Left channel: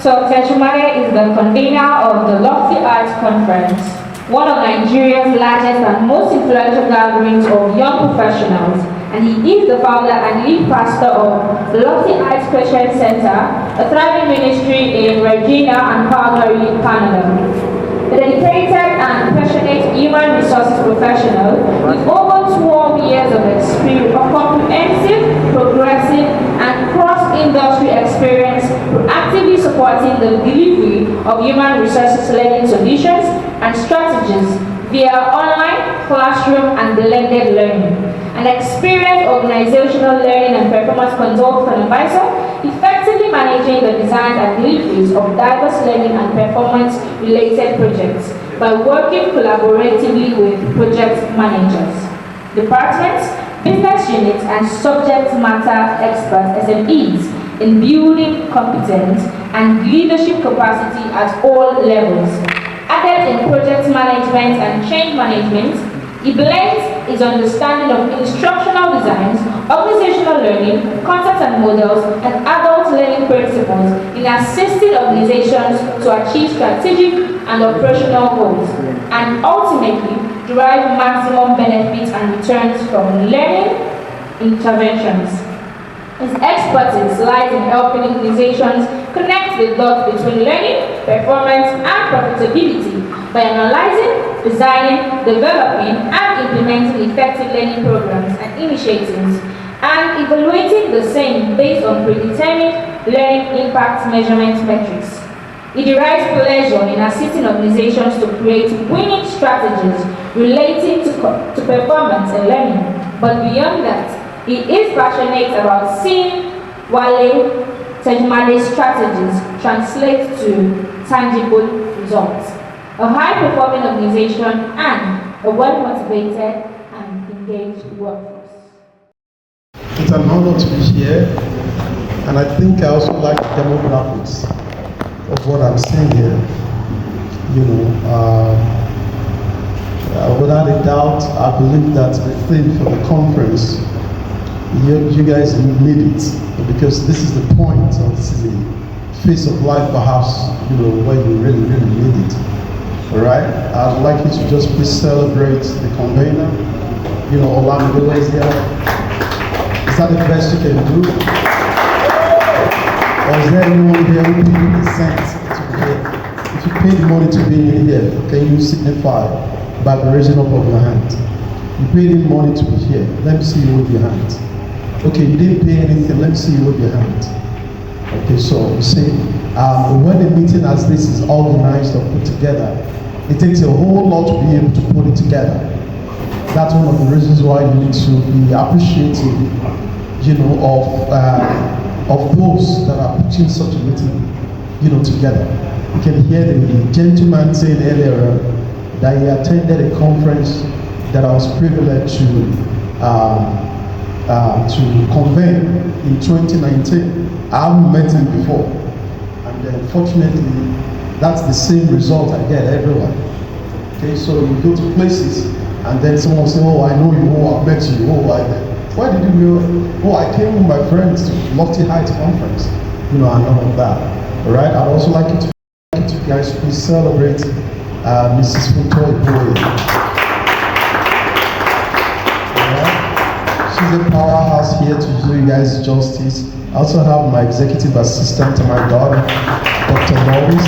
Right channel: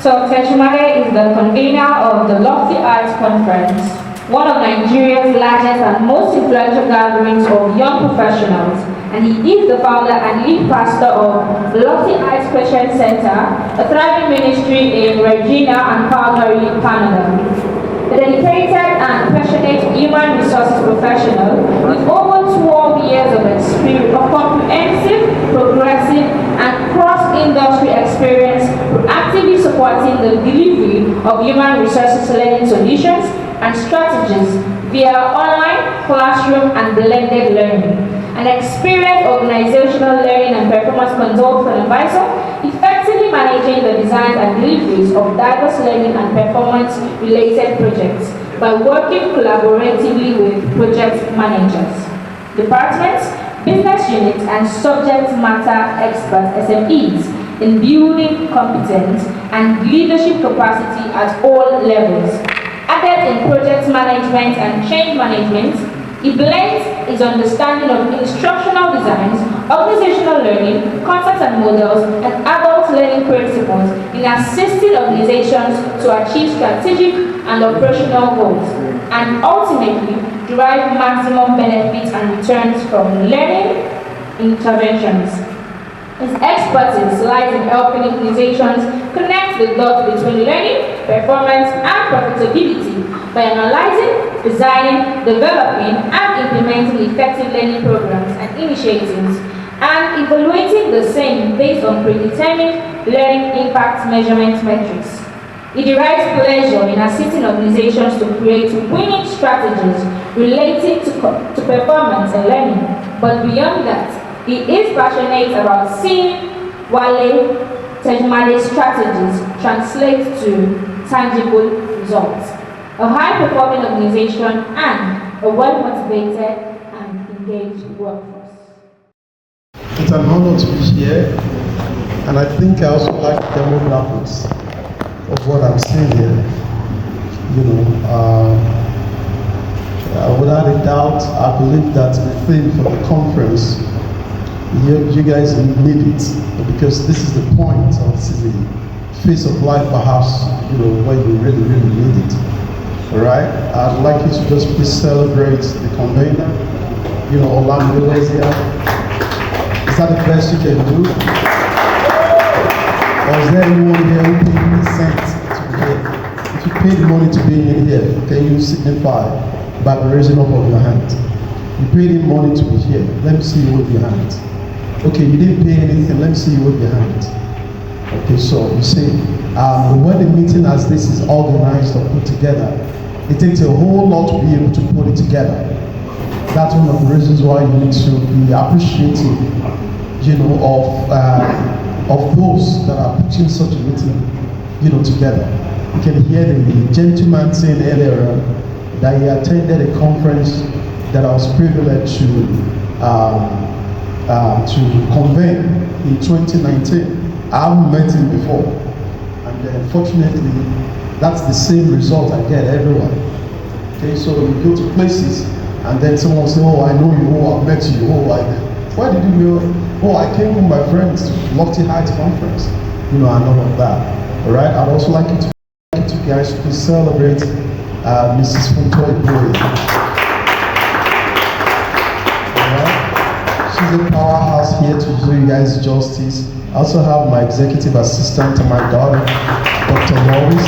So Tejumare is the convener of the Lofty Arts Conference, one of Nigeria's largest and most influential gatherings of young professionals, and he is the founder and lead pastor of the Lofty Arts Christian Center, a thriving ministry in Regina and Calgary, Canada. A dedicated and passionate human resources professional with over 12 years of experience of comprehensive, progressive, and cross-industry experience actively supporting the delivery of human resources learning solutions and strategies via online, classroom, and blended learning. An experienced organizational learning and performance consultant and advisor, effectively managing the design and deliveries of diverse learning and performance-related projects by working collaboratively with project managers, departments, business units, and subject matter experts (SMEs) in building competence and leadership capacity at all levels. Adept in project management and change management, he blends his understanding of instructional designs, organizational learning, concepts and models, and adult learning principles in assisting organizations to achieve strategic and operational goals, and ultimately derive maximum benefits and returns from learning interventions. His expertise lies in helping organizations connect the dots between learning, performance, and profitability by analyzing, designing, developing, and implementing effective learning programs and initiatives, and evaluating the same based on predetermined learning impact measurement metrics. He derives pleasure in assisting organizations to create winning strategies relating to performance and learning, but beyond that, he is passionate about seeing Wale Tejumare's strategies translate to tangible results. A high-performing organization and a well-motivated and engaged workforce. It's an honor to be here, and I think I also like the demographers of what I'm saying here. Without a doubt, I believe that the thing for the conference, you guys will need it, because this is the point, or this is the phase of life perhaps, when you really need it. Alright? I'd like you to just please celebrate the convener. Orlando is here. Is that the best you can do? Or get anyone here who paid the cents to be here? If you paid the money to be here, can you signify by the raising up of your hand? You paid the money to be here. Let me see you with your hand. Okay, you didn't pay anything. Let me see you with your hand. Okay, so you see, when a meeting as this is organized or put together, it takes a whole lot to be able to put it together. That's one of the reasons why you need to be appreciative, of those that are putting such a meeting, together. You can hear the gentleman saying earlier that he attended a conference that I was privileged to convene in 2019. I haven't met him before, and then fortunately, that's the same result I get everywhere. Okay, so you go to places, and then someone will say, "Oh, I know you. Oh, I met you. Oh, why did you know? Oh, I came with my friends to Lofty Heights Conference." And all of that. All right. I'd also like you guys please celebrate Mrs. Funtoy Boy. She's a powerhouse here to do you guys justice. I also have my executive assistant to my daughter, Dr. Morris.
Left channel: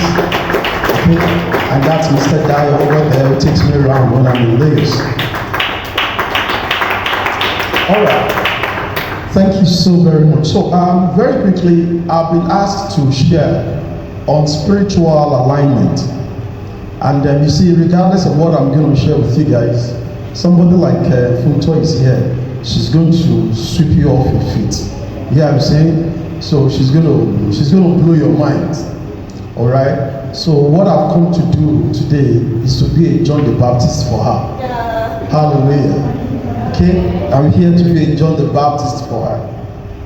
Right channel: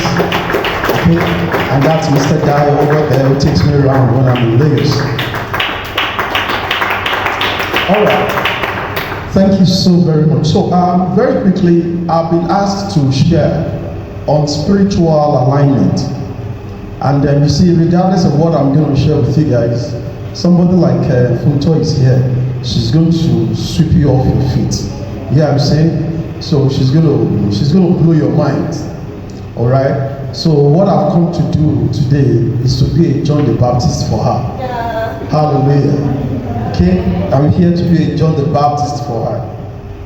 Okay, and that's Mr. Guy over there who takes me around when I'm in Lagos. All right. Thank you so very much. So, very quickly, I've been asked to share on spiritual alignment. And you see, regardless of what I'm going to share with you guys, somebody like Funtoy is here. She's going to sweep you off your feet. Yeah, I'm saying? So she's gonna blow your mind. All right. So what I've come to do today is to be a John the Baptist for her. Yeah. Hallelujah. Okay, I'm here to be a John the Baptist for her.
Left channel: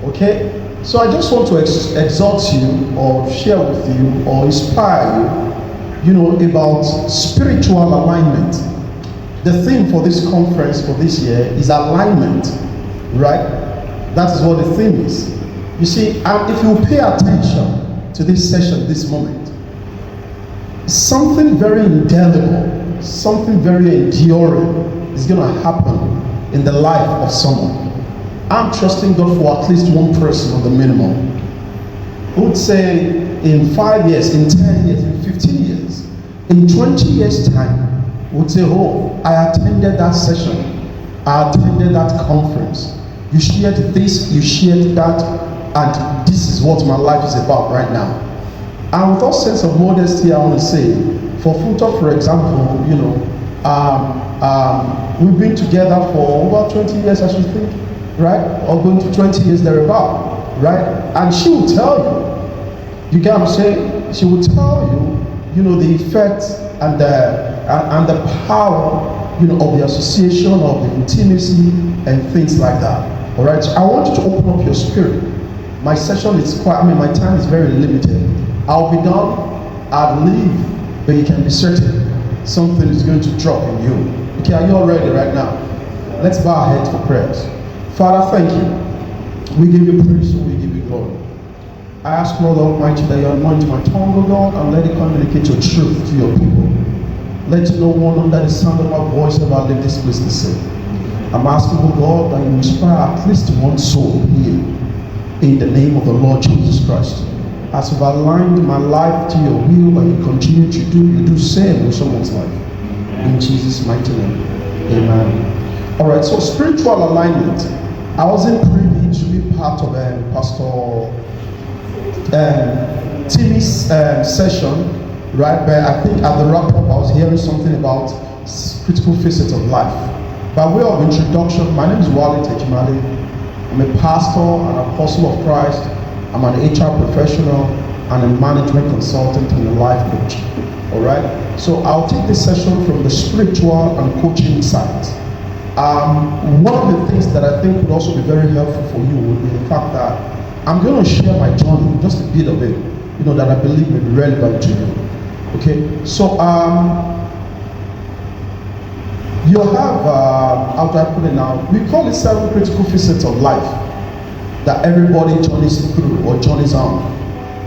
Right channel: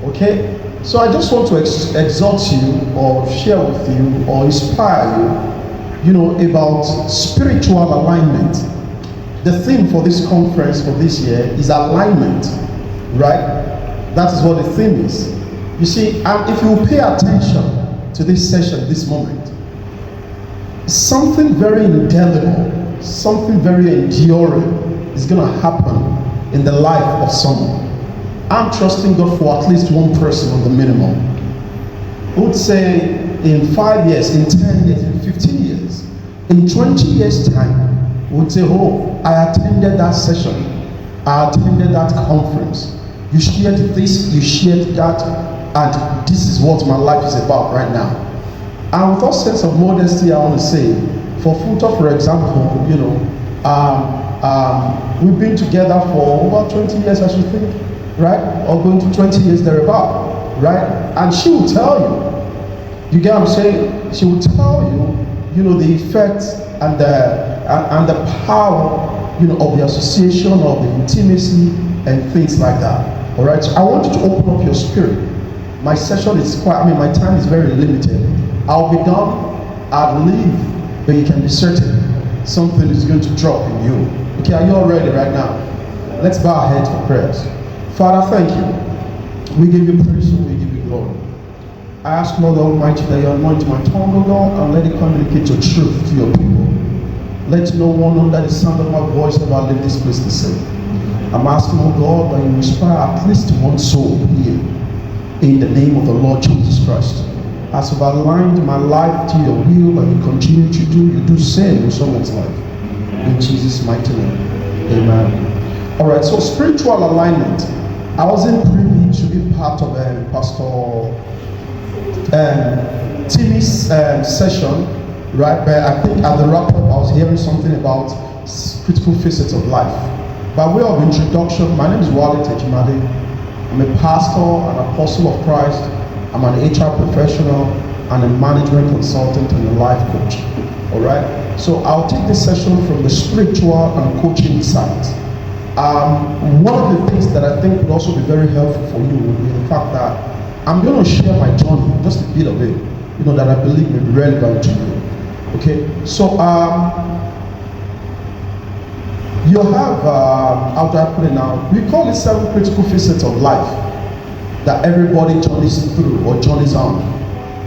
Okay. So I just want to exhort you, or share with you, or inspire you, about spiritual alignment. The theme for this conference for this year is alignment, right? That is what the theme is. You see, and if you pay attention, to this session, this moment, something very indelible, something very enduring is going to happen in the life of someone. I'm trusting God for at least one person on the minimum. I would say in 5 years, in 10 years, in 15 years, in 20 years' time, we would say, oh, I attended that session, I attended that conference. You shared this, you shared that, and this is what my life is about right now. And with all sense of modesty, I want to say, for Futa, for example, we've been together for about 20 years, I should think, right? Or going to 20 years thereabout, right? And she will tell you, you get what I'm saying? She will tell you, the effects and the power, of the association, of the intimacy, and things like that. All right. So I want you to open up your spirit. My session is my time is very limited. I'll be done, I believe, but you can be certain something is going to drop in you. Okay, are you all ready right now? Let's bow our heads for prayers. Father, thank you. We give you praise, we give you glory. I ask, Lord Almighty, that you anoint my tongue, O God, and let it communicate your truth to your people. Let no one under the sound of our voice ever leave this place to say. I'm asking, O God, that you inspire at least one soul here, in the name of the Lord Jesus Christ. As you've aligned my life to your will and you continue to you do same in someone's life. In Jesus' mighty name. Amen. Alright, so spiritual alignment. I wasn't privy to be part of Pastor Timmy's session, right? But I think at the wrap-up I was hearing something about critical facets of life. By way of introduction, my name is Wale Tejimade. I'm a pastor, an apostle of Christ. I'm an HR professional and a management consultant and a life coach. Alright? So I'll take this session from the spiritual and coaching side. One of the things that I think would also be very helpful for you would be the fact that I'm going to share my journey, just a bit of it, that I believe will be relevant to you. Okay? So, you have, how do I put it now? We call it 7 critical facets of life that everybody journeys through or journeys on.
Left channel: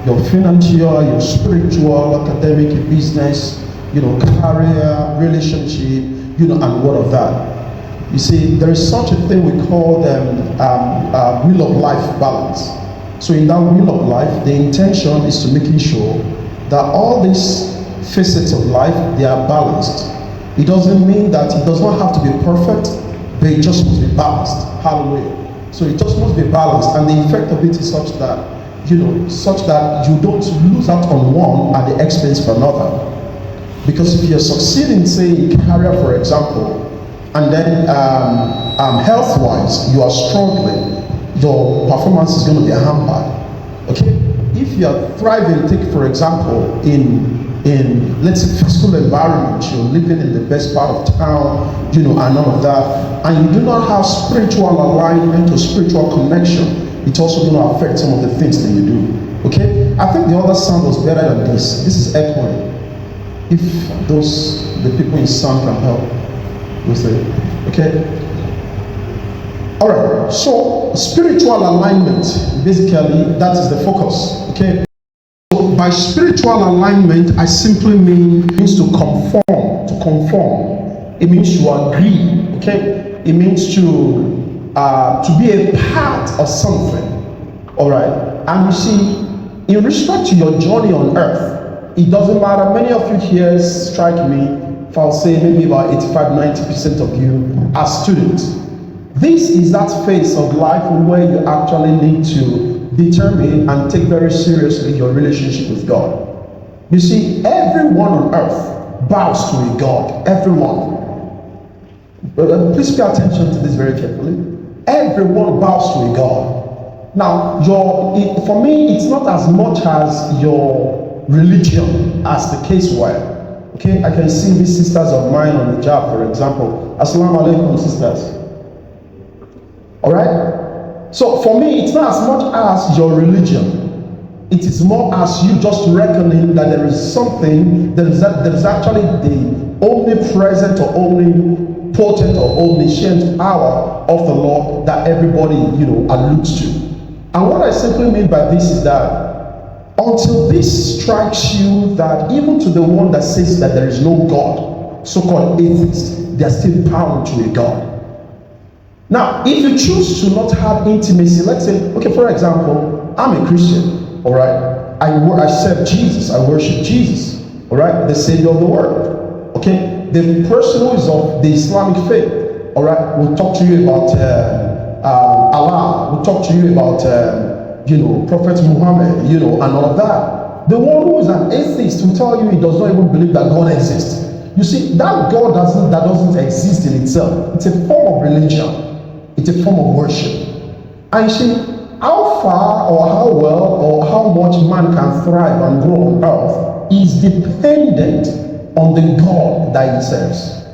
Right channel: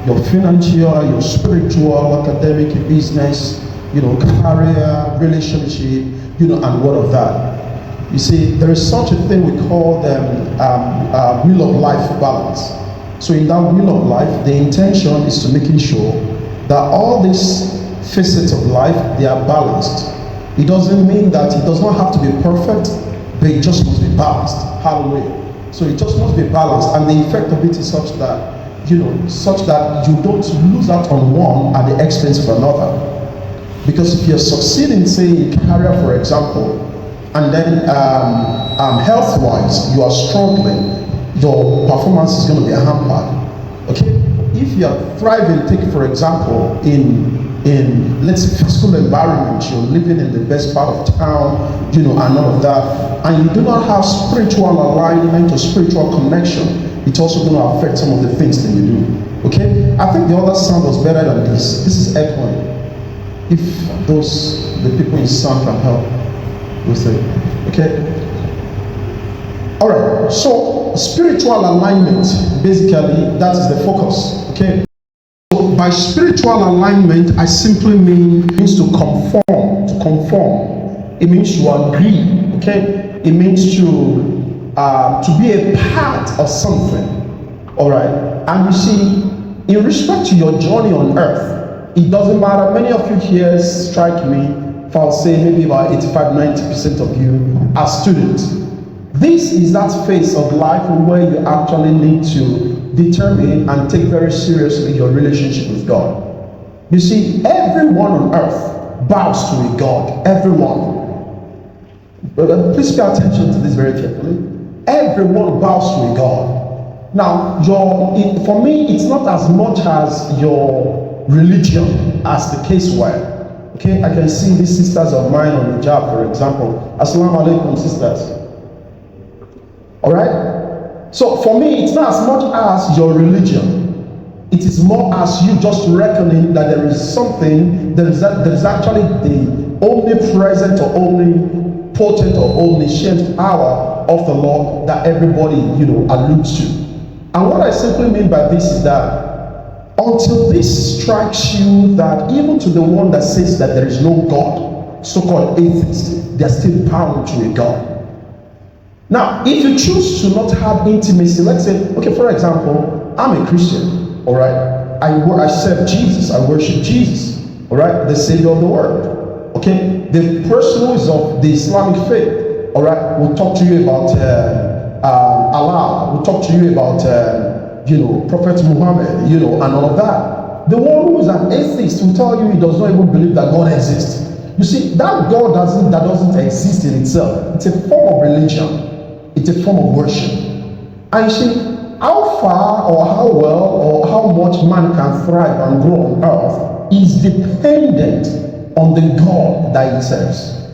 Your financial, your spiritual, academic, business, career, relationship, and all of that. You see, there is such a thing we call wheel of life balance. So in that wheel of life, the intention is to making sure that all these facets of life, they are balanced. It doesn't mean that it does not have to be perfect, but it just must be balanced. Hallelujah. So it just must be balanced, and the effect of it is such that you don't lose out on one at the expense of another. Because if you're succeeding, say, in career, for example, and then health-wise you are struggling, your performance is going to be hampered. Okay? If you are thriving, take for example, in let's say physical environment, you're living in the best part of town, and all of that, and you do not have spiritual alignment or spiritual connection, it's also going to affect some of the things that you do. Okay? I think the other sound was better than this. This is echoing. If the people in sound can help with it. Okay? Alright, so spiritual alignment, basically, that is the focus. Okay? So by spiritual alignment, I simply means to conform. It means to agree. Okay? It means to be a part of something. Alright? And you see, in respect to your journey on earth, it doesn't matter. Many of you here strike me, if I'll say maybe about 85-90% of you are students. This is that phase of life where you actually need to determine and take very seriously your relationship with God. You see, everyone on earth bows to a God. Everyone. Please pay attention to this very carefully. Everyone bows to a God. Now, for me, it's not as much as your religion as the case were. Okay, I can see these sisters of mine on the job, for example. Assalamu alaikum, sisters. Alright? So for me, it's not as much as your religion. It is more as you just reckoning that there is something, that is actually the omnipresent or omnipotent or omniscient power of the Lord that everybody, alludes to. And what I simply mean by this is that Until this strikes you that even to the one that says that there is no God, so-called atheists, they are still bound to a God. Now, if you choose to not have intimacy, let's say, okay, for example, I'm a Christian, all right? I serve Jesus, I worship Jesus, all right? The Savior of the world, okay? The person who is of the Islamic faith, all right, will talk to you about Allah, will talk to you about, Prophet Muhammad, and all that. The one who is an atheist will tell you he does not even believe that God exists. You see, that God doesn't exist in itself. It's a form of religion. It's a form of worship. And see, how far or how well or how much man can thrive and grow on earth is dependent on the God that he serves.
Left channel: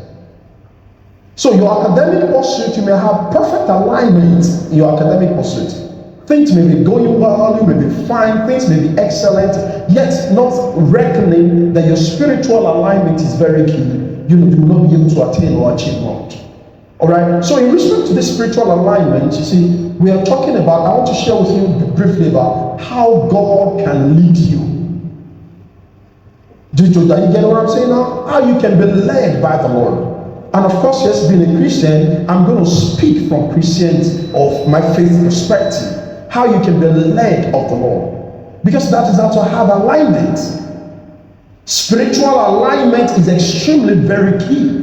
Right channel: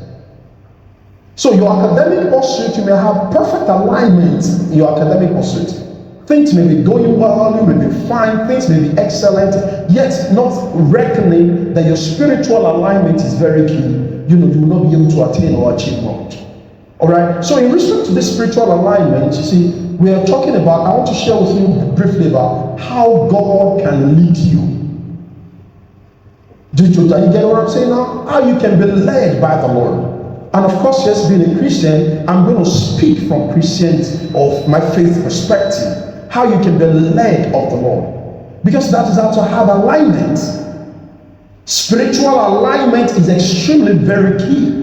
So your academic pursuit, you may have perfect alignment in your academic pursuit. Things may be going well, you may be fine, things may be excellent, yet not reckoning that your spiritual alignment is very key. You will not be able to attain or achieve much. Alright, so in respect to this spiritual alignment, you see, we are talking about, I want to share with you briefly about how God can lead you. Do you get what I'm saying now? How you can be led by the Lord. And of course, yes, being a Christian, I'm going to speak from Christians of my faith perspective. How you can be led of the Lord. Because that is how to have alignment. Spiritual alignment is extremely very key.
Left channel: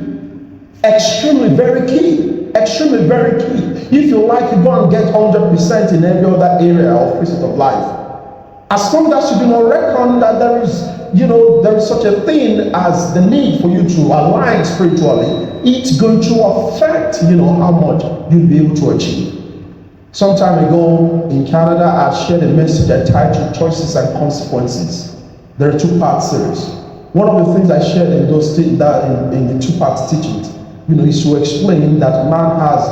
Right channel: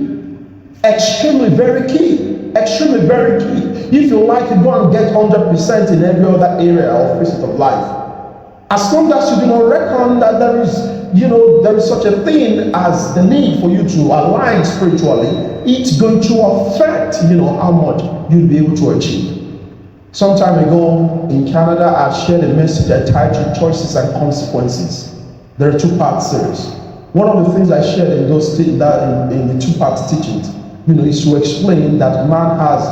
Extremely very key. Extremely very key. If you like, you go and get 100% in every other area of physical life. As long as you do not reckon that there is such a thing as the need for you to align spiritually, it's going to affect, how much you'll be able to achieve. Some time ago in Canada, I shared a message entitled Choices and Consequences. There are 2-part series. One of the things I shared in those things that in the 2-part teachings, is to explain that man has,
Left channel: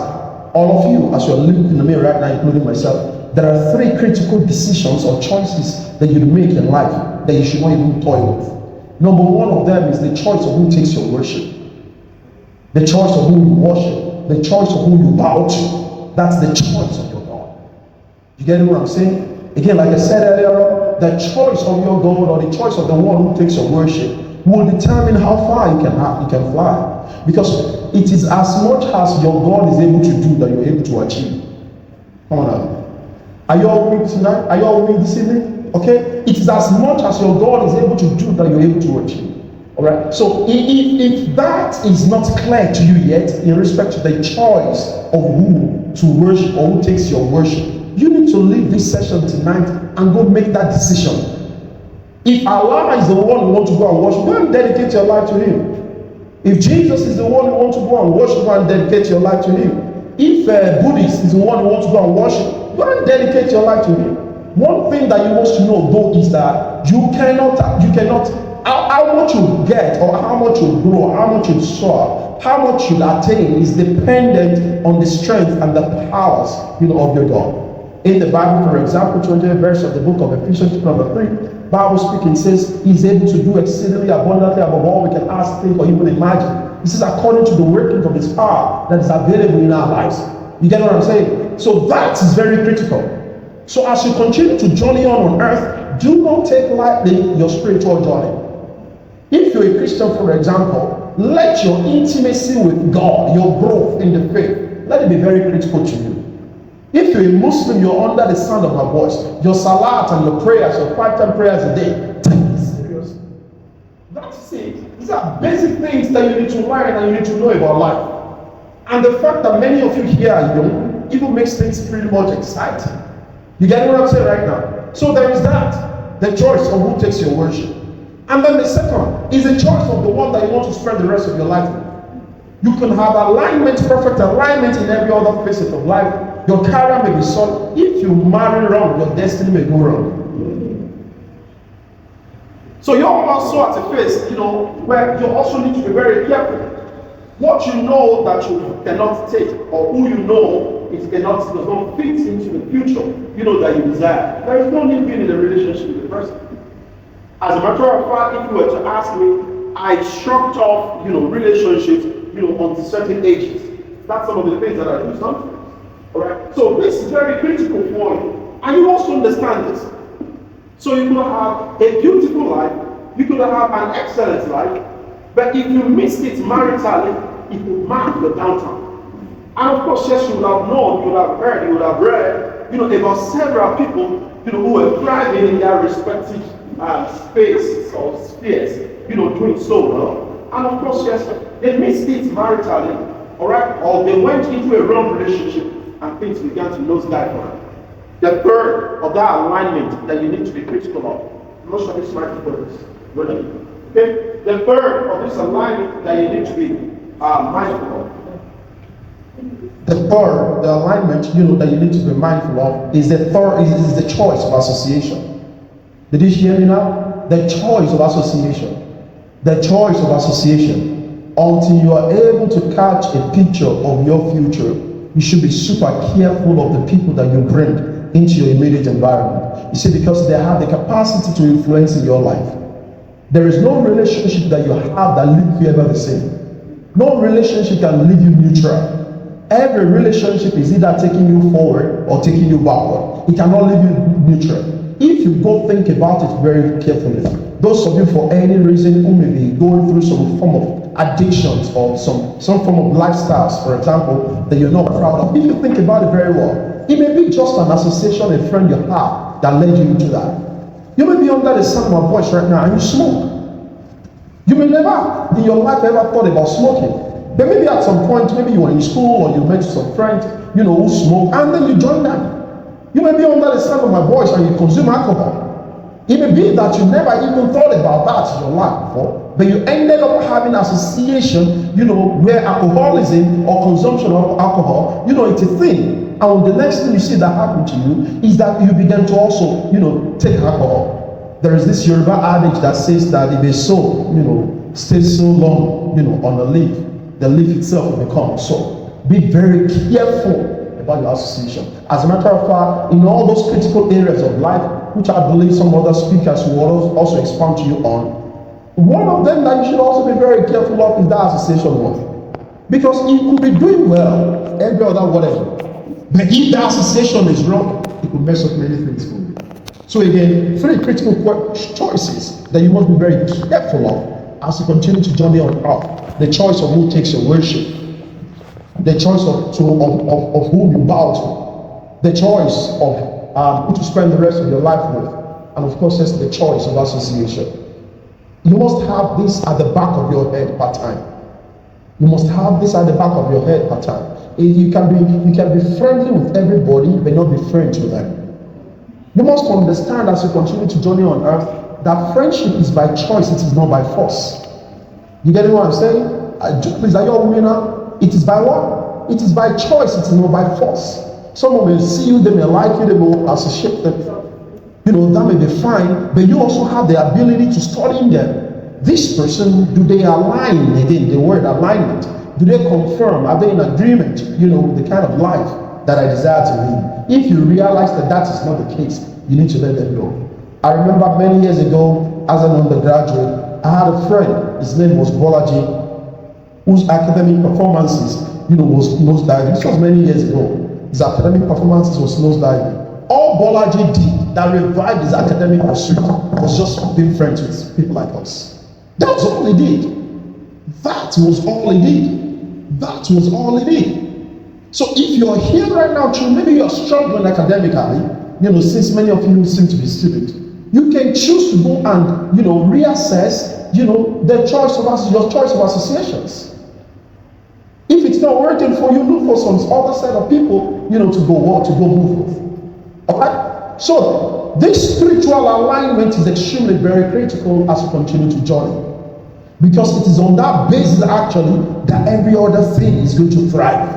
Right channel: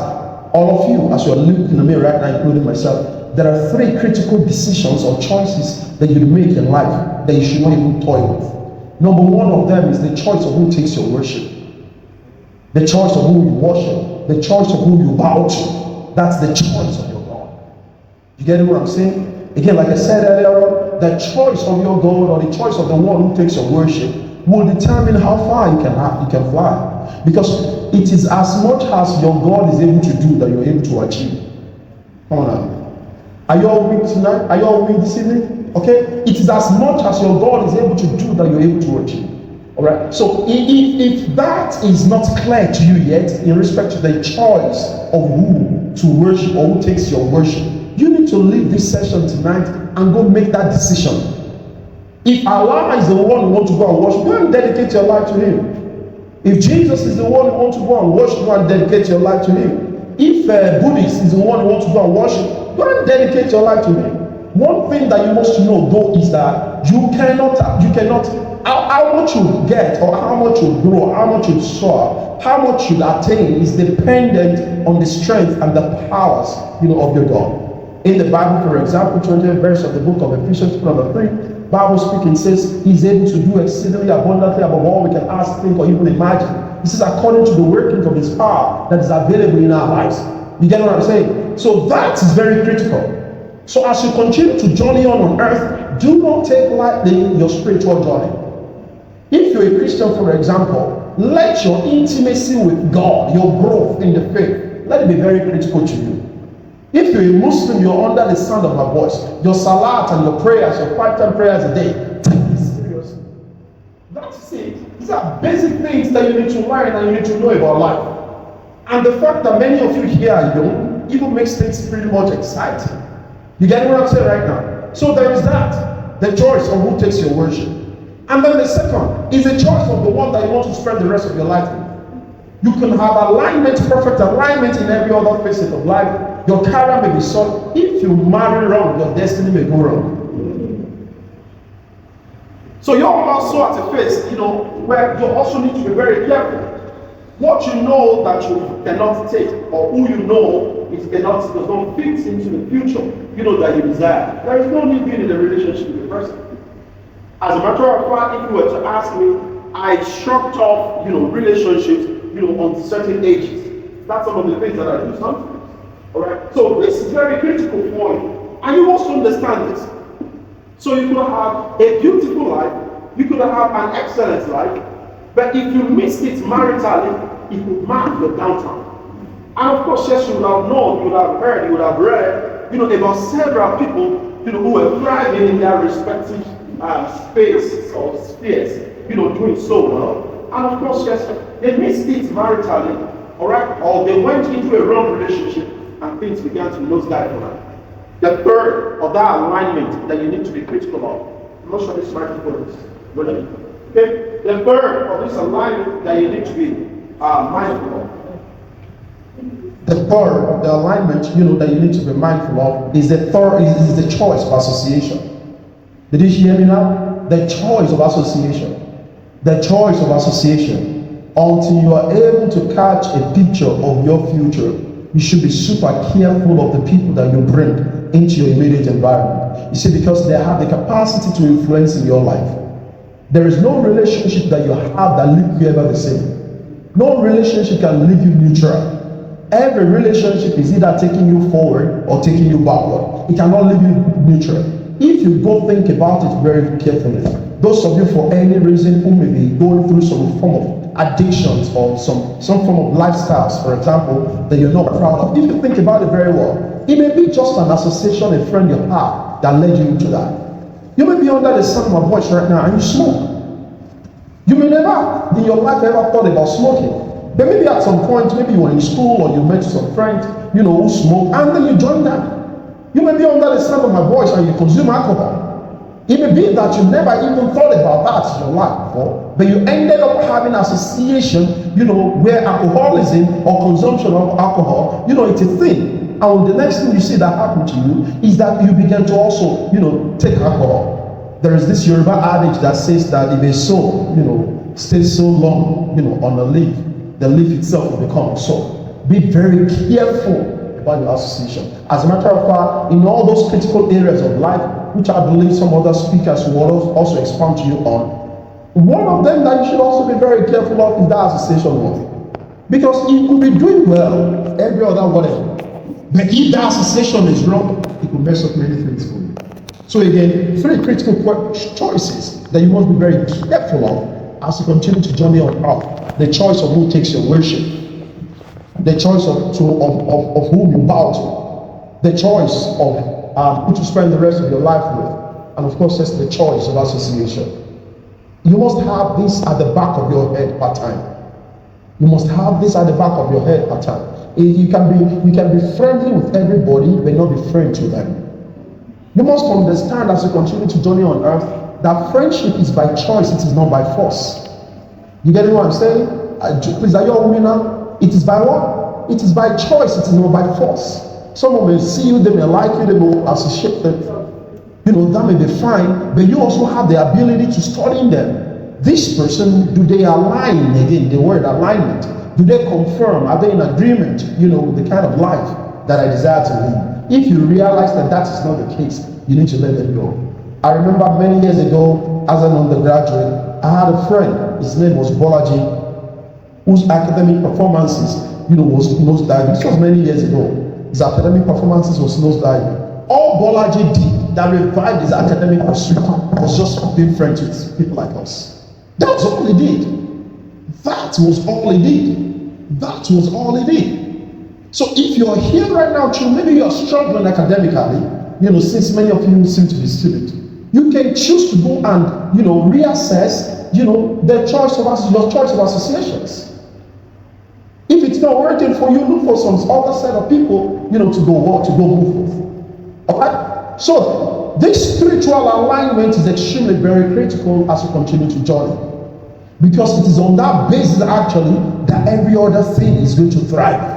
all of you, as you're looking at me right now, including myself, there are 3 critical decisions or choices that you make in life that you should not even toy with. Number 1 of them is the choice of who takes your worship. The choice of who you worship. The choice of who you bow to. That's the choice of your God. You get what I'm saying? Again, like I said earlier, the choice of your God or the choice of the one who takes your worship will determine how far you can fly. Because it is as much as your God is able to do that you're able to achieve. Come on now. Are you all with tonight? Are you all with this evening? Okay? It is as much as your God is able to do that you're able to achieve. Alright? So if that is not clear to you yet in respect to the choice of who to worship or who takes your worship, you need to leave this session tonight and go make that decision. If Allah is the one who wants to go and worship, go and dedicate your life to Him. If Jesus is the one who wants to go and worship, go and dedicate your life to Him. If Buddhist is the one who wants to go and worship, go and dedicate your life to Him. One thing that you must know though is that you cannot, how much you get or how much you grow, how much you soar, how much you attain is dependent on the strength and the powers, of the God. In the Bible, for example, 20th verse of the book of Ephesians, chapter 3, Bible speaking says He's able to do exceedingly abundantly above all we can ask, think, or even imagine. This is according to the workings of His power that is available in our lives. You get what I'm saying? So that is very critical. So as you continue to journey on earth, do not take lightly your spiritual journey. If you're a Christian, for example, let your intimacy with God, your growth in the faith, let it be very critical to you. If you're a Muslim, you're under the sound of my voice. Your salat and your prayers, your 5 prayers a day, take this seriously. That's it. These are basic things that you need to learn and you need to know about life. And the fact that many of you here are young even makes things pretty much exciting. You get what I'm saying right now? So there is that, the choice of who takes your worship. And then the second is the choice of the one that you want to spend the rest of your life with. You can have alignment, perfect alignment in every other facet of life. Your career may be solid. If you marry wrong, your destiny may go wrong. So you're also at a phase, where you also need to be very careful. What you know that you cannot take, or who you know it does not fit into the future, that you desire. There is no need being in a relationship with the person. As a matter of fact, if you were to ask me, I shrugged off, relationships, at certain ages. That's some of the things that I do sometimes. Alright? So this is very critical for you. And you must understand this. So you could have a beautiful life, you could have an excellent life, but if you missed it maritally, it would mark your downtown. And of course, yes, you would have known, you would have heard, you would have read, about several people, who were thriving in their respective spaces or spheres, doing so well. And of course, yes, they missed it maritally, all right, or they went into a wrong relationship and things began to nosedive. The third of that alignment that you need to be critical of. I'm not sure this microphone is running. Okay? The third of this alignment that you need to be mindful of. The third, the alignment that you need to be mindful of is the choice of association. Did you hear me now? The choice of association. The choice of association. Until you are able to catch a picture of your future, you should be super careful of the people that you bring into your immediate environment. You see, because they have the capacity to influence in your life. There is no relationship that you have that leaves you ever the same. No relationship can leave you neutral. Every relationship is either taking you forward or taking you backward. It cannot leave you neutral. If you go think about it very carefully, those of you for any reason who may be going through some form of addictions or some form of lifestyles, for example, that you're not proud of, if you think about it very well, it may be just an association, a friend you have that led you into that. You may be under the sound of my voice right now and you smoke. You may never in your life ever thought about smoking. But maybe at some point, maybe you were in school or you met some friends, who smoke, and then you join them. You may be under the sound of my voice and you consume alcohol. It may be that you never even thought about that in your life before, but you ended up having association, where alcoholism or consumption of alcohol, it's a thing. And the next thing you see that happen to you is that you begin to also, take alcohol. There is this Yoruba adage that says that if a soul, stays so long, on the leaf itself will become so. Be very careful about your association. As a matter of fact, in all those critical areas of life, which I believe some other speakers will also expound to you on, one of them that you should also be very careful of is that association with. Because it will be doing well every other whatever. But if that association is wrong, it will mess up many things for you. So again, 3 critical choices that you must be very careful of as you continue to journey on earth. The choice of who takes your worship, the choice of who you bow to, the choice of who to spend the rest of your life with, and of course, that's the choice of association. You must have this at the back of your head part time. You must have this at the back of your head part time. You can be friendly with everybody, but not be friends with them. You must understand as you continue to journey on earth that friendship is by choice, it is not by force. You get what I'm saying? Please, are you all with me now? It is by what? It is by choice, it is not by force. Someone may see you, they may like you, they will associate themselves. That may be fine, but you also have the ability to study them. This person, do they align, again, the word alignment? Do they confirm? Are they in agreement, with the kind of life that I desire to live? If you realize that that is not the case, you need to let them go. I remember many years ago, as an undergraduate, I had a friend, his name was Bolaji, whose academic performances, was nosediving. This was many years ago. His academic performances was nosediving. All Bolaji did that revived his academic pursuit was just being friends with people like us. That's all he did. That was all he did. That was all he did. So if you're here right now, maybe you're struggling academically, since many of you seem to be students, you can choose to go and, reassess, your choice of associations. If it's not working for you, look for some other set of people, to go move with. All right? So this spiritual alignment is extremely very critical as we continue to journey. Because it is on that basis actually that every other thing is going to thrive.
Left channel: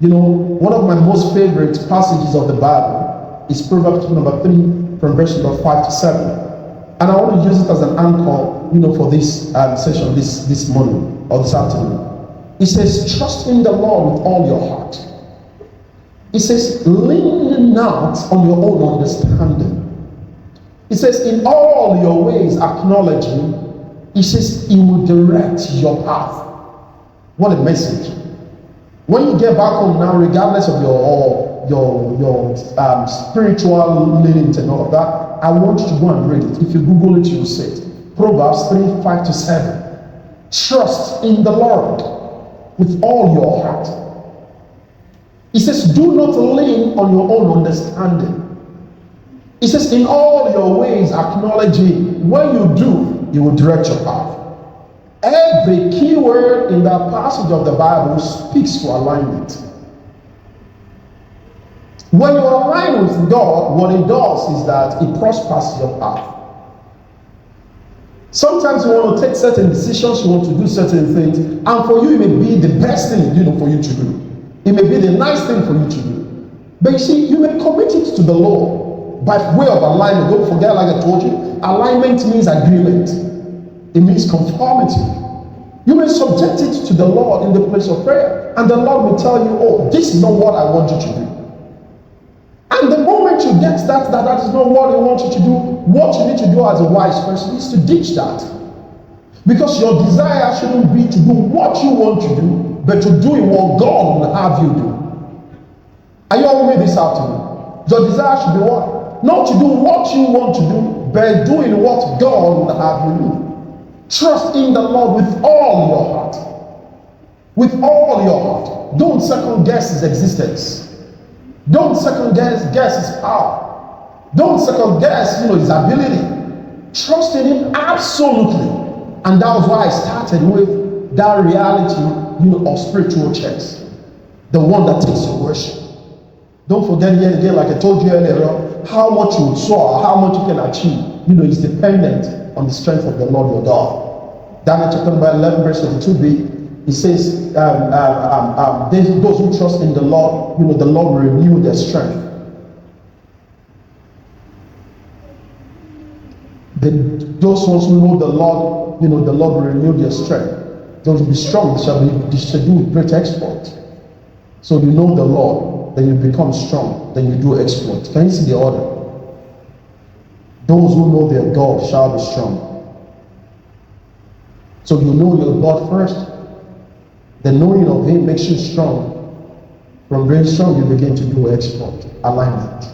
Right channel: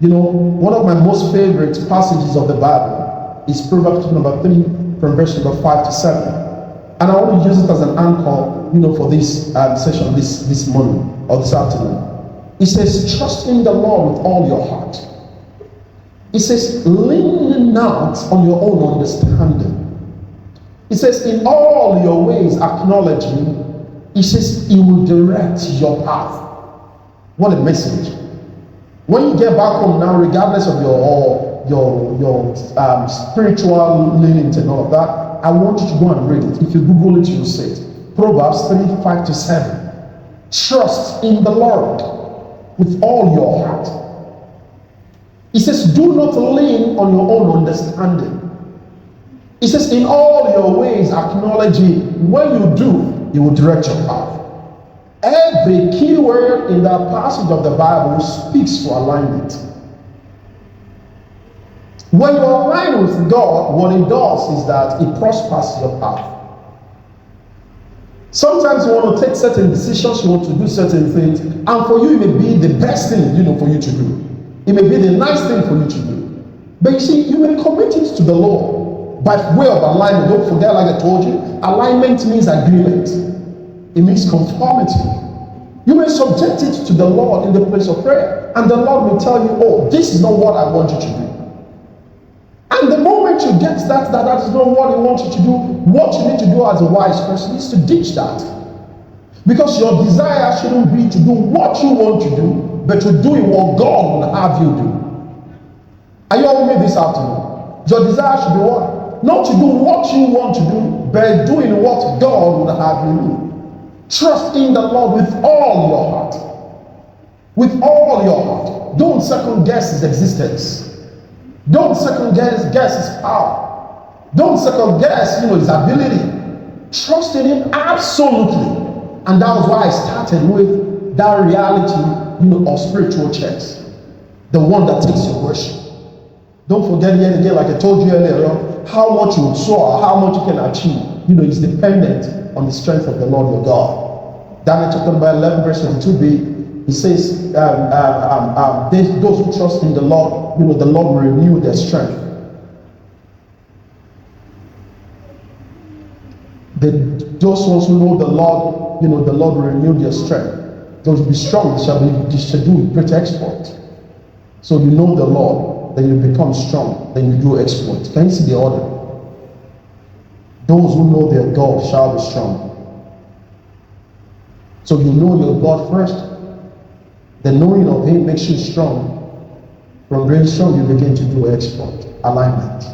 One of my most favorite passages of the Bible is Proverbs number 3 from verse number 5 to 7. And I want to use it as an anchor, for this session this morning or this afternoon. It says, trust in the Lord with all your heart. It says, lean not on your own understanding. It says, in all your ways acknowledge him. It says, he will direct your path. What a message. When you get back home now, regardless of your spiritual leanings and all of that, I want you to go and read it. If you Google it, you'll see it. Proverbs 3:5-7. Trust in the Lord with all your heart. It says, do not lean on your own understanding. It says, in all your ways acknowledge Him. When you do, He will direct your path. Every key word in that passage of the Bible speaks to alignment. When you align with God, what it does is that it prospers your path. Sometimes you want to take certain decisions, you want to do certain things, and for you it may be the best thing for you to do. It may be the nice thing for you to do. But you see, you may commit it to the Lord by way of alignment. Don't forget, like I told you, alignment means agreement. It means conformity. You may subject it to the Lord in the place of prayer, and the Lord will tell you, oh, this is not what I want you to do. And the moment you get that is not what I want you to do, what you need to do as a wise person is to ditch that. Because your desire shouldn't be to do what you want to do, but to do what God would have you do. Are you all with me this afternoon? Your desire should be what? Not to do what you want to do, but doing what God would have you do. Trust in the Lord with all your heart. With all your heart. Don't second guess His existence. Don't second guess His power. Don't second guess His ability. Trust in Him absolutely. And that's why I started with that reality of spiritual chess. The one that takes your worship. Don't forget again, like I told you earlier on, how much you soar, how much you can achieve, is dependent on the strength of the Lord your God. Daniel chapter 11, verse 22b, he says, those who trust in the Lord, the Lord will renew their strength. Those ones who know the Lord, the Lord will renew their strength. Those who be strong shall be able to do great exploits. So you know the Lord, then you become strong, then you do exploits. Can you see the order? Those who know their God shall be strong. So you know your God first. The knowing of Him makes you strong. From being strong, you begin to do exploit, alignment.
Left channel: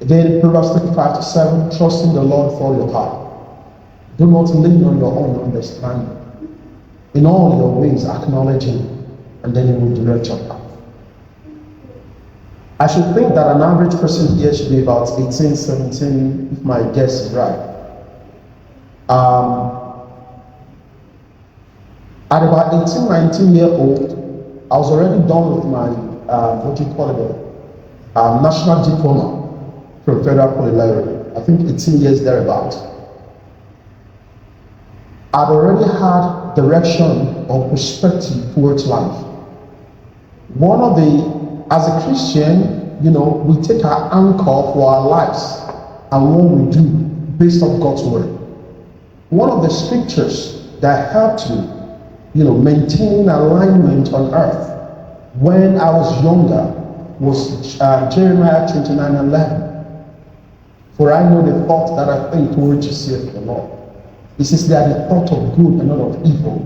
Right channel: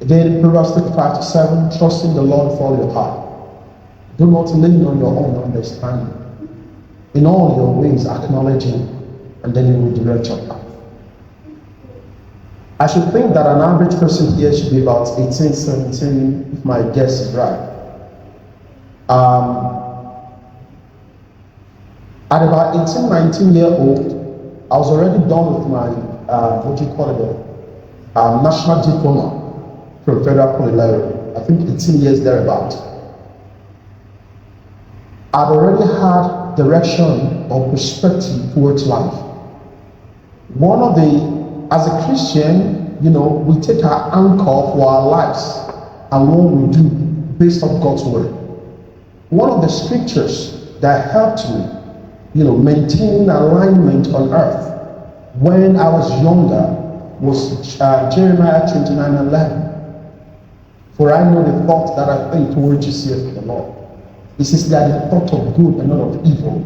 Again, Proverbs 5:7, trust in the Lord for your heart. Do not lean on your own understanding. In all your ways, acknowledge Him, and then He will direct your path. I should think that an average person here should be about 18, 17, if my guess is right. At about 18, 19 years old, I was already done with my national diploma from Federal College. I think 18 years thereabouts. I'd already had direction or perspective towards life. As a Christian, we take our anchor for our lives and what we do based on God's word. One of the scriptures that helped me, maintain alignment on earth when I was younger was Jeremiah 29:11. For I know the thoughts that I think towards you, saith the Lord. It says they are the thought of good and not of evil.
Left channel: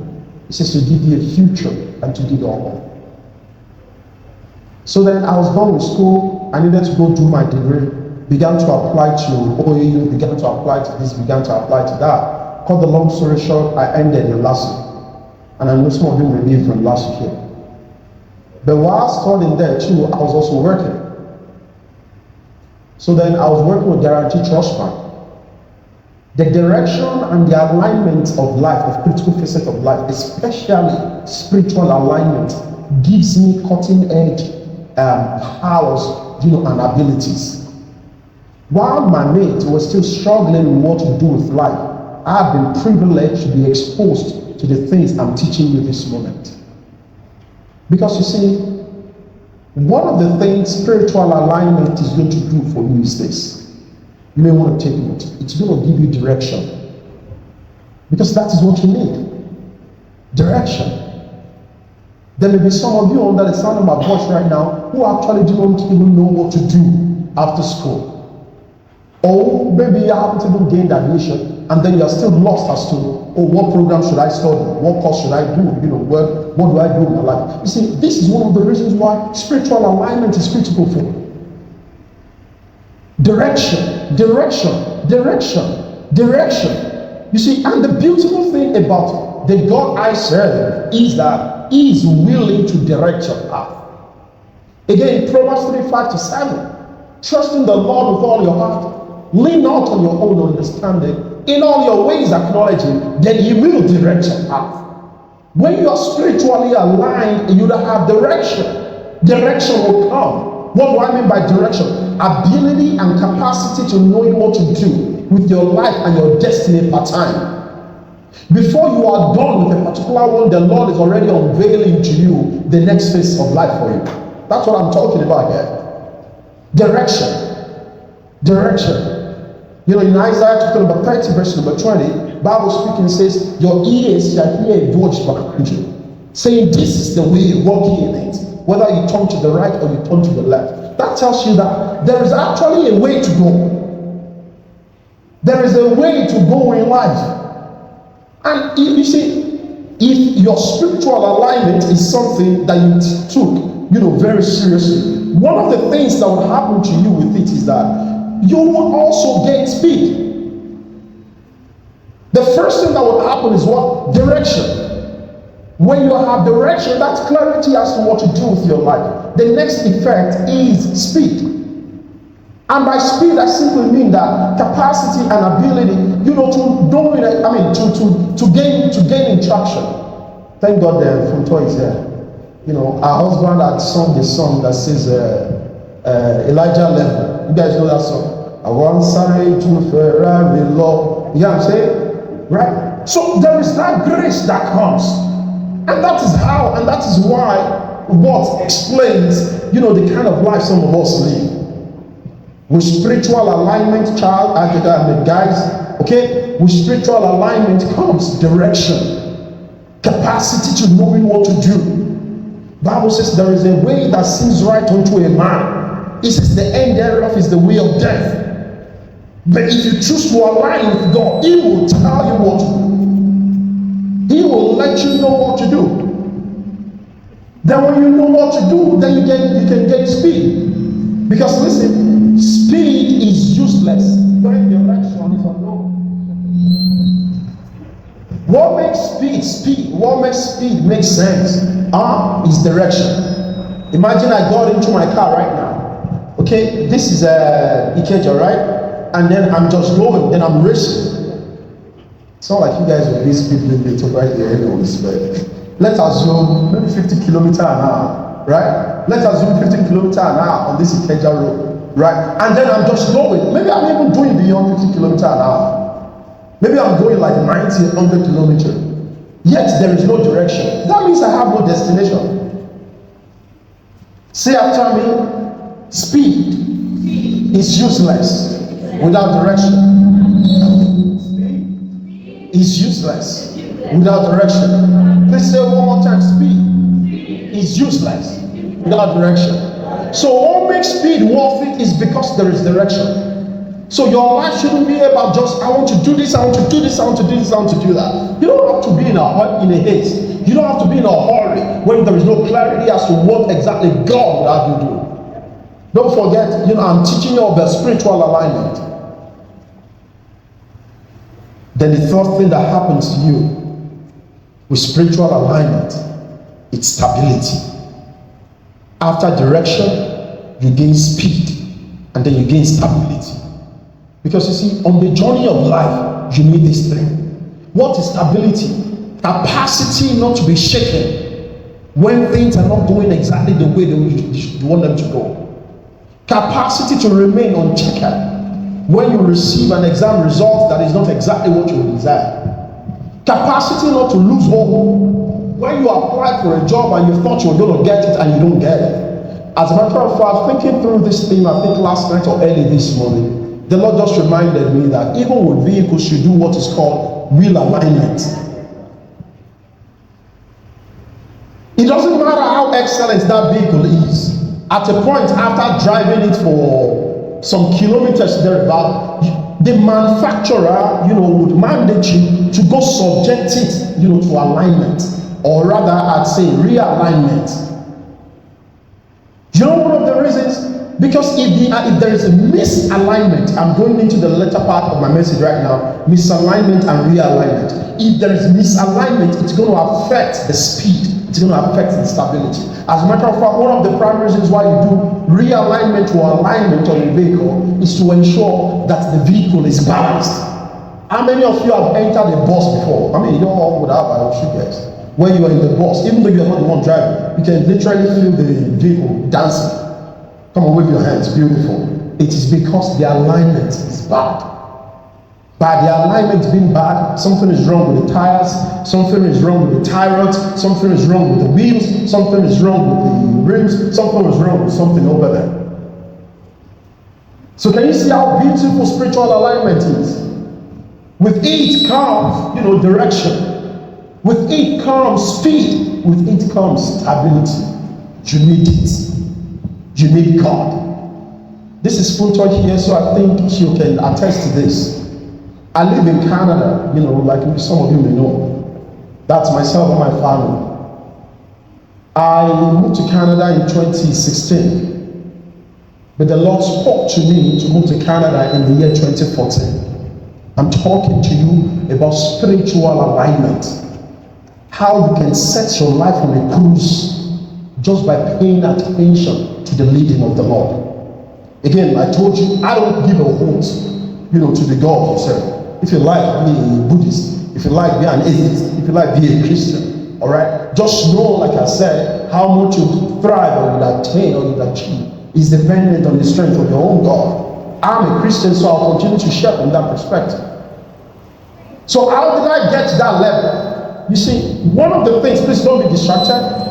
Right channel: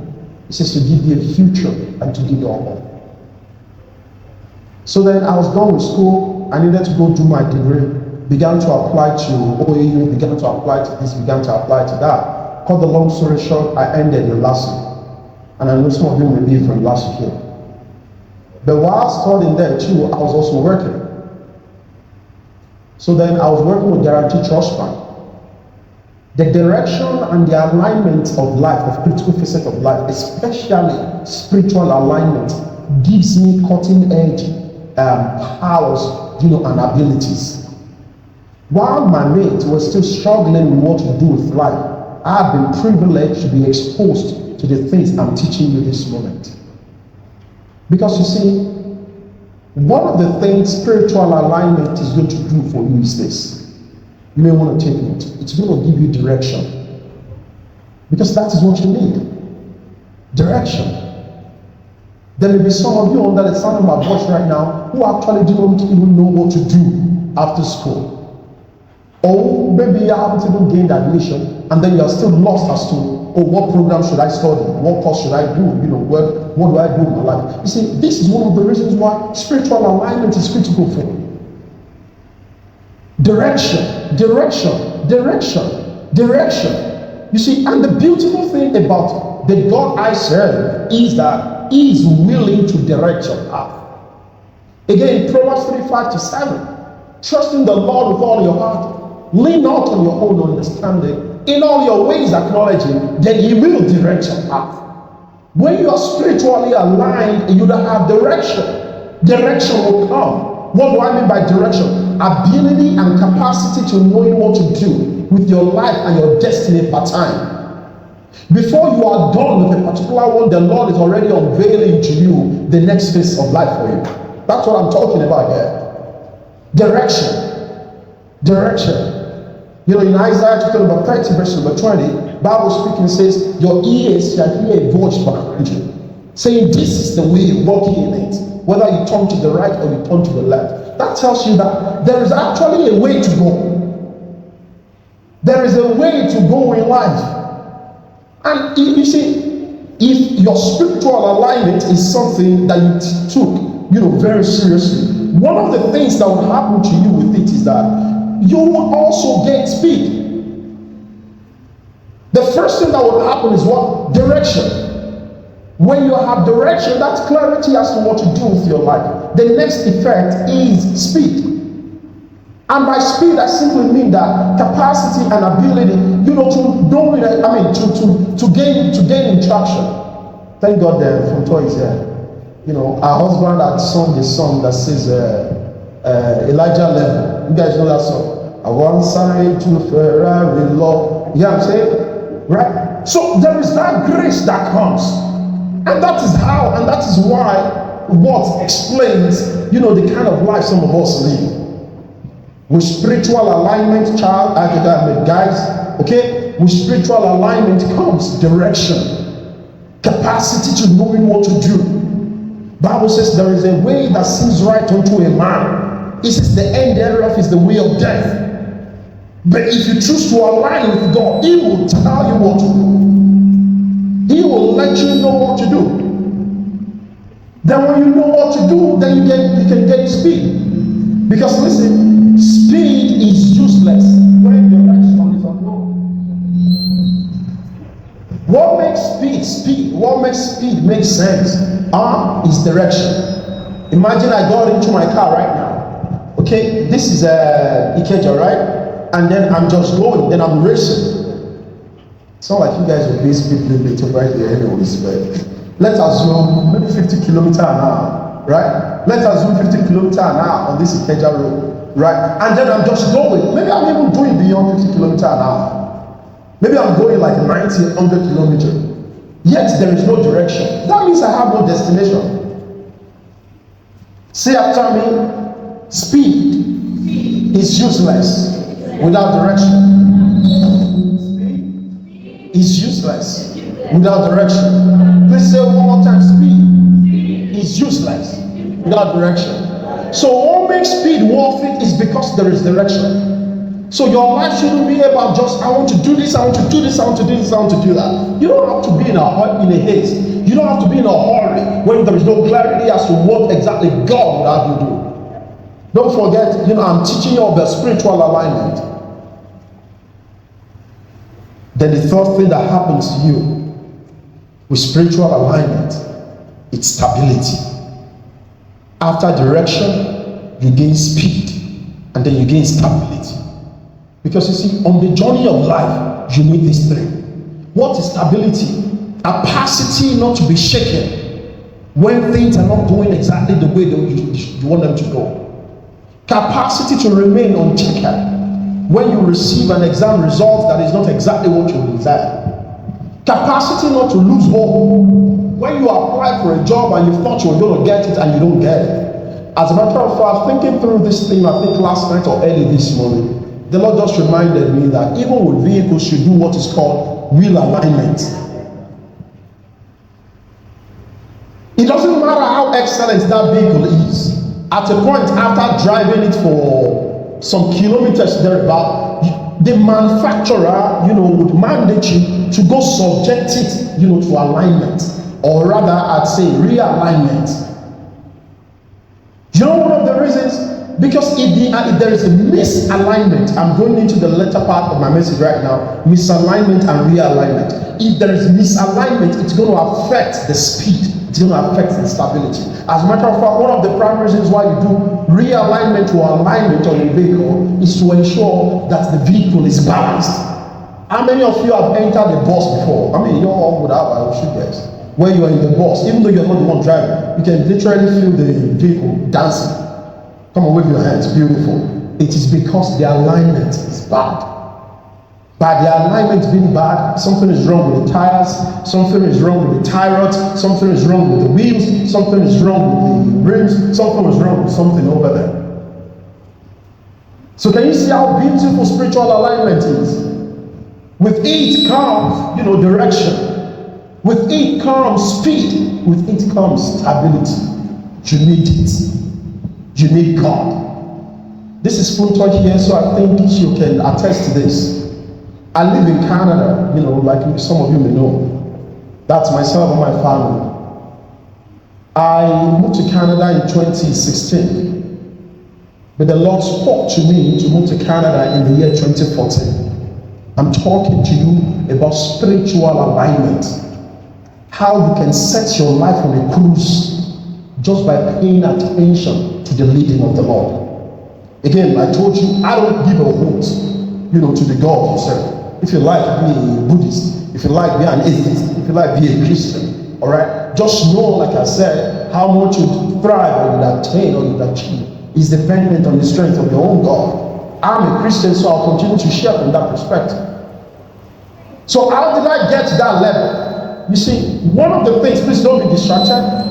It says to give you a future and to give you hope. So then I was done with school. I needed to go do my degree. Began to apply to OAU, began to apply to this, began to apply to that. Cut the long story short, I ended in last year. And I know some of you were there from last year. But while studying there too, I was also working. So then I was working with Guarantee Trust Fund. The direction and the alignment of life, the critical facet of life, especially spiritual alignment, gives me cutting edge powers, and abilities. While my mates were still struggling with what to do with life, I've been privileged to be exposed to the things I'm teaching you this moment. Because you see, one of the things spiritual alignment is going to do for you is this. You may want to take it. It's going to give you direction. Because that is what you need. Direction. There may be some of you under the sound of my voice right now who actually don't even know what to do after school. Or maybe you haven't even gained admission and then you're still lost as to, what program should I study? What course should I do? What do I do in my life? You see, this is one of the reasons why spiritual alignment is critical for you. Direction. direction. You see, and the beautiful thing about the God I serve is that He is willing to direct your path. Again, Proverbs 3:5-7. Trust in the Lord with all your heart. Lean not on your own understanding. In all your ways acknowledge Him, then He will direct your path. When you are spiritually aligned, you will have direction. Direction will come. What do I mean by direction? Ability and capacity to knowing what to do with your life and your destiny per time. Before you are done with a particular one, the Lord is already unveiling to you the next phase of life for you. That's what I'm talking about here. Direction. You know, in Isaiah chapter number 30, verse number 20, Bible speaking says, your ears shall hear a voice behind you, saying, this is the way, walk in it. Whether you turn to the right or you turn to the left. That tells you that there is actually a way to go. There is a way to go in life. And you see, if your spiritual alignment is something that you took, very seriously, one of the things that will happen to you with it is that you will also gain speed. The first thing that will happen is what? Direction. When you have direction, that's clarity as to what to do with your life. The next effect is speed. And by speed, I simply mean that capacity and ability, to gain traction. Thank God the photo is here. Our husband had sung a song that says Elijah level. You guys know that song? I want Sarah to Ferrari love. You know what I'm saying? Right? So there is that grace that comes. And that is how, and that is why what explains, the kind of life some of us live. With spiritual alignment, guys, okay? With spiritual alignment comes direction, capacity to knowing what to do. Bible says there is a way that seems right unto a man. It says the end thereof is the way of death. But if you choose to align with God, He will tell you what to do. He will let you know what to do. Then when you know what to do, then you can get speed. Because listen, speed is useless when direction is unknown. What makes speed? What makes speed make sense? Is direction. Imagine I got into my car right now. Okay, this is Ikeja, right? And then I'm just going, then I'm racing. It's not like you guys will basically do it right there, it's bad. Let's assume maybe 50 kilometers an hour, right? Let's assume 15 kilometers an hour on this Ikeja road, right? And then I'm just going. Maybe I'm even going beyond 50 kilometers an hour. Maybe I'm going like 90, 100 kilometers. Yet there is no direction. That means I have no destination. Say after me, speed is useless without direction. Speed is useless without direction. Let's say one more time, speed is useless without direction. So what makes speed worth it is because there is direction. So your life shouldn't be about just, I want to do this, I want to do this, I want to do this, I want to do that. You don't have to be in a haste. You don't have to be in a hurry when there is no clarity as to what exactly God would have you do. Don't forget, I'm teaching you of the spiritual alignment. Then the first thing that happens to you with spiritual alignment, it's stability. After direction, you gain speed, and then you gain stability. Because you see, on the journey of life, you need this thing. What is stability? Capacity not to be shaken when things are not going exactly the way that you want them to go. Capacity to remain unchecked when you receive an exam result that is not exactly what you desire. Capacity not to lose hope when you apply for a job and you thought you were going to get it and you don't get it. As a matter of fact, thinking through this thing, I think last night or early this morning, the Lord just reminded me that even with vehicles, you do what is called wheel alignment. It doesn't matter how excellent that vehicle is. At a point after driving it for some kilometers thereabout, the manufacturer, would mandate you to go subject it, to alignment, or rather, I'd say realignment. You know one of the reasons? Because if there is a misalignment, I'm going into the latter part of my message right now, misalignment and realignment. If there is misalignment, it's going to affect the speed, it's going to affect the stability. As a matter of fact, one of the primary reasons why you do realignment or alignment on a vehicle is to ensure that the vehicle is balanced. How many of you have entered a bus before? I mean, you don't all would have, I should guess. When you are in the bus, even though you're not the one driving, you can literally feel the vehicle dancing. Come on, wave your hands, beautiful. It is because the alignment is bad. By the alignment being bad, something is wrong with the tires, something is wrong with the tie rods, something is wrong with the wheels, something is wrong with the rims, something is wrong with something over there. So can you see how beautiful spiritual alignment is? With it comes, direction. With it comes speed. With it comes stability. You need it. You need God. This is Funto here, so I think you can attest to this. I live in Canada, like some of you may know. That's myself and my family. I moved to Canada in 2016. But the Lord spoke to me to move to Canada in the year 2014. I'm talking to you about spiritual alignment. How you can set your life on a cruise just by paying attention to the leading of the Lord. Again, I told you, I don't give a vote, to the God you serve. If you like, be a Buddhist. If you like, be an atheist. If you like, be a Christian. Alright? Just know, like I said, how much you thrive or you attain or you achieve is dependent on the strength of your own God. I'm a Christian, so I'll continue to share from that perspective. So how did I get to that level? You see, one of the things, please don't be distracted.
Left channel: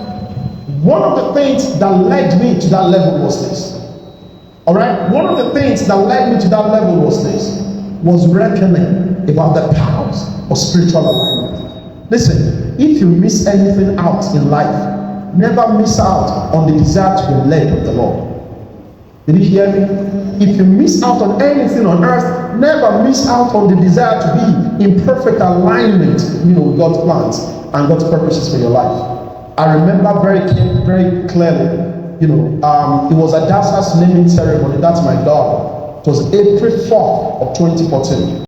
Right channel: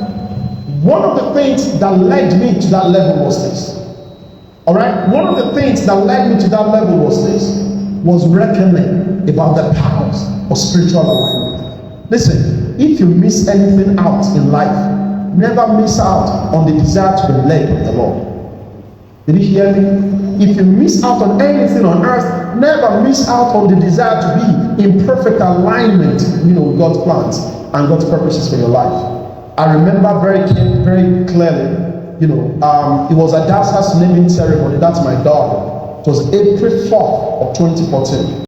One of the things that led me to that level was this. Alright? One of the things that led me to that level was this. Was reckoning about the powers of spiritual alignment. Listen, if you miss anything out in life, never miss out on the desire to be led of the Lord. Did you hear me? If you miss out on anything on earth, never miss out on the desire to be in perfect alignment with God's plans and God's purposes for your life. I remember very, very clearly, it was Adassa's naming ceremony. That's my daughter. It was April 4th of 2014.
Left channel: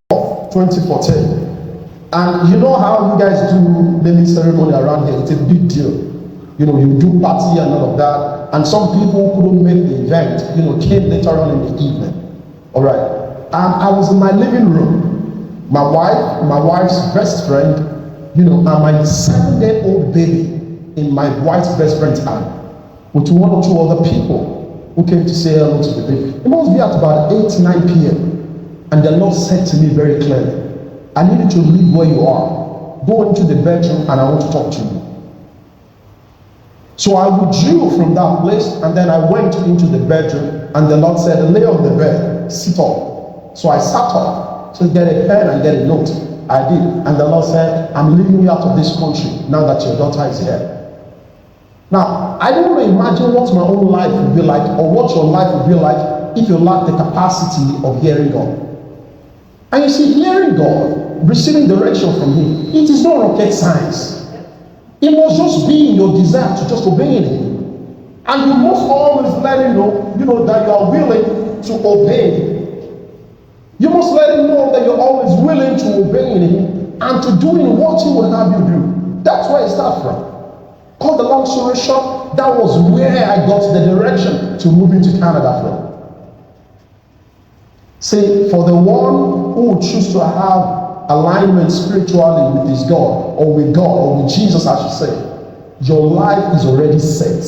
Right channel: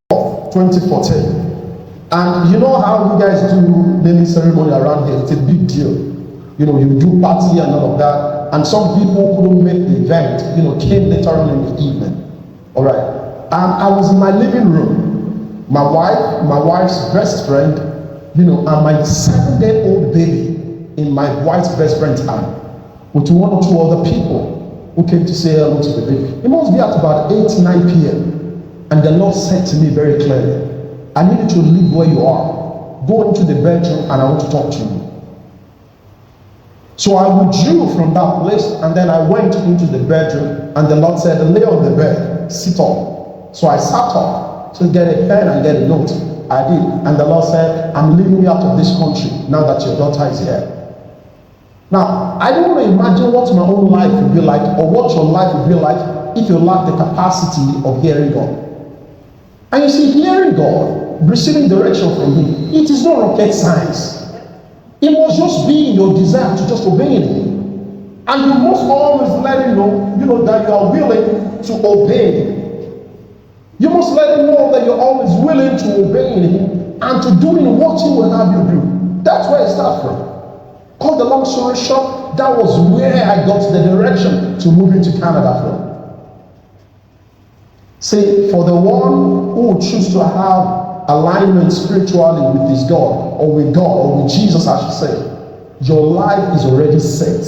And you know how you guys do naming ceremony around here? It's a big deal. You do party and all of that. And some people couldn't make the event, came later on in the evening. Alright. And I was in my living room. My wife's best friend, and my 7-day-old baby in my wife's best friend's arm. With one or two other people who came to say hello to the baby. It must be at about 8-9 p.m. And the Lord said to me very clearly, I need you to leave where you are. Go into the bedroom and I want to talk to you. So I withdrew from that place and then I went into the bedroom and the Lord said, lay on the bed, sit up. So I sat up to get a pen and get a note. I did. And the Lord said, I'm leaving you out of this country now that your daughter is here. Now, I don't imagine what my own life would be like or what your life would be like if you lack the capacity of hearing God. And you see, hearing God, receiving direction from Him, it is not rocket science. It must just be your desire to just obey Him. And you must always let Him know, that you are willing to obey Him. You must let Him know that you're always willing to obey Him and to do what He will have you do. That's why it's that way. Called the long story short, that was where I got the direction to moving to Canada from. See, for the one who would choose to have alignment spiritually with his God, or with God, or with Jesus, I should say, your life is already set.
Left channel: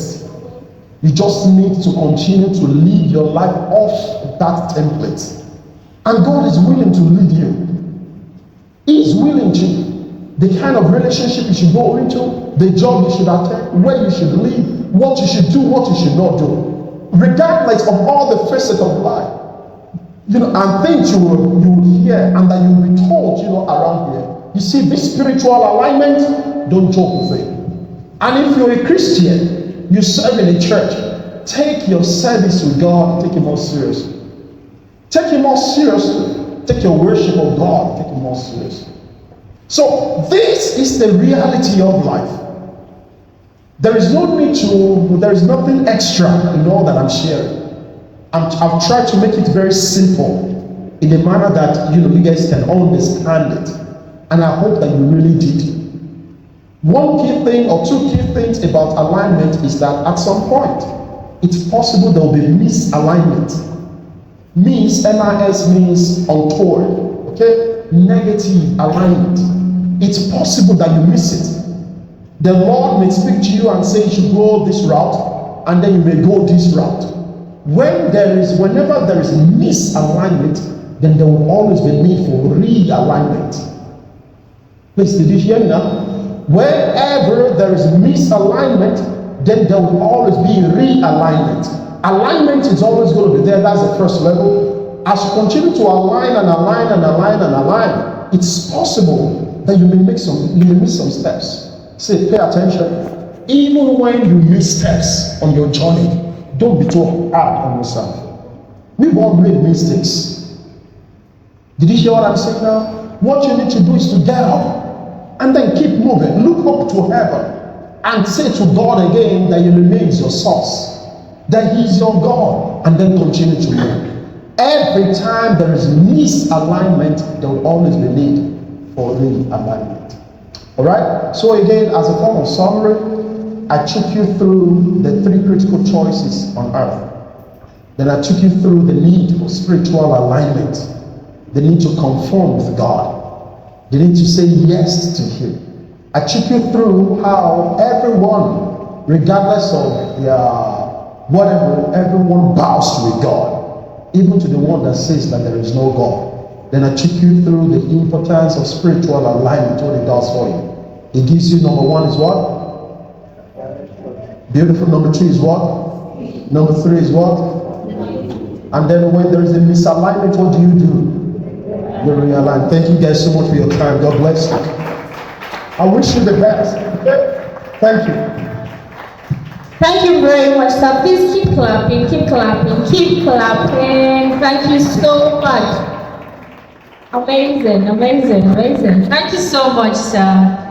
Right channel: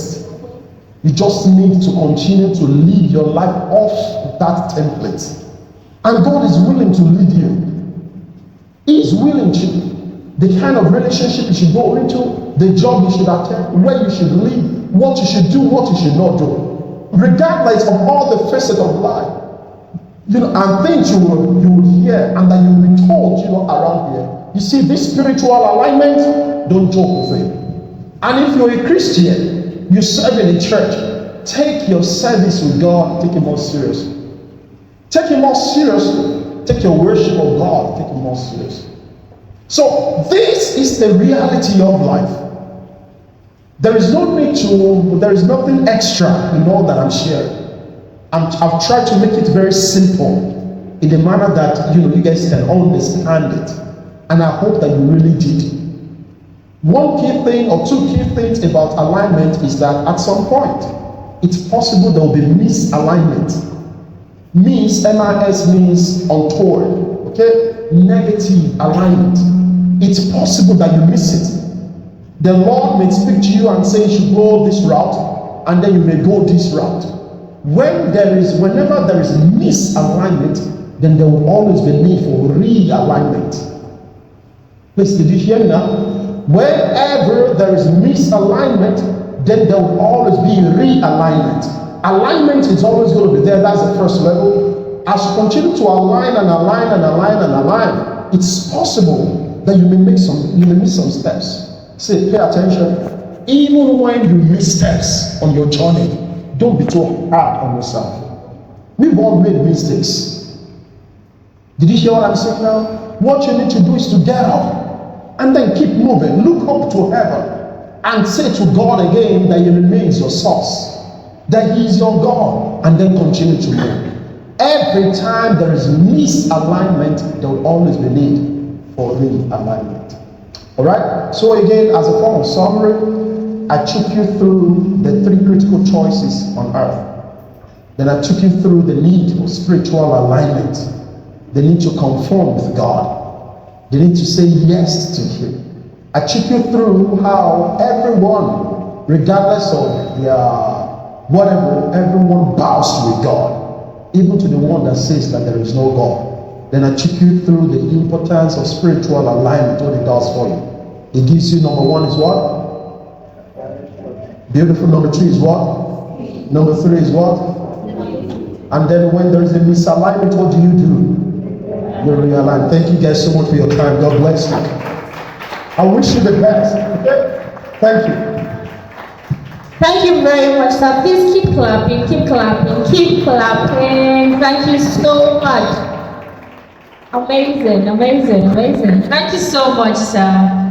You just need to continue to live your life off that template. And God is willing to lead you. He is willing to. The kind of relationship you should go into, the job you should attend, where you should live, what you should do, what you should not do. Regardless of all the facets of life. And things you will hear and that you will be told, around here. You see, this spiritual alignment, don't joke with it. And if you're a Christian, you serve in a church, take your service with God, take it more seriously. Take it more seriously. Take your worship of God, take it more seriously. So this is the reality of life. There is no need to, there is nothing extra in all that I'm sharing. I've tried to make it very simple in a manner that you guys can understand it. And I hope that you really did. One key thing or two key things about alignment is that at some point, it's possible there will be misalignment. Mis, M-I-S means untoward, okay? Negative alignment. It's possible that you miss it. The Lord may speak to you and say you should go this route, and then you may go this route. Whenever there is a misalignment, then there will always be a need for realignment. Please, did you hear now? Wherever there is misalignment, then there will always be realignment. Alignment is always going to be there. That's the first level. As you continue to align and align and align and align, it's possible that you may miss some steps. Say, pay attention. Even when you miss steps on your journey, don't be too hard on yourself. We've all made mistakes. Did you hear what I'm saying now? What you need to do is to get up and then keep moving. Look up to heaven and say to God again that He remains your source, that He is your God, and then continue to pray. Every time there is a misalignment, there will always be need for realignment. Alright? So again, as a form of summary, I took you through the three critical choices on earth. Then I took you through the need for spiritual alignment, the need to conform with God, the need to say yes to Him. I took you through how everyone, regardless of their whatever, everyone bows to a God, even to the one that says that there is no God. Then I took you through the importance of spiritual alignment, what it does for you. It gives you, number one is what? Beautiful. Number two is what? Number three is what? And then when there is a misalignment, what do? You realign. Thank you guys so much for your time. God bless you. I wish you the best. Okay? Thank you. Thank you very much, sir. Please keep clapping, keep clapping, keep clapping. Thank you so much. Amazing, amazing, amazing. Thank you so much, sir.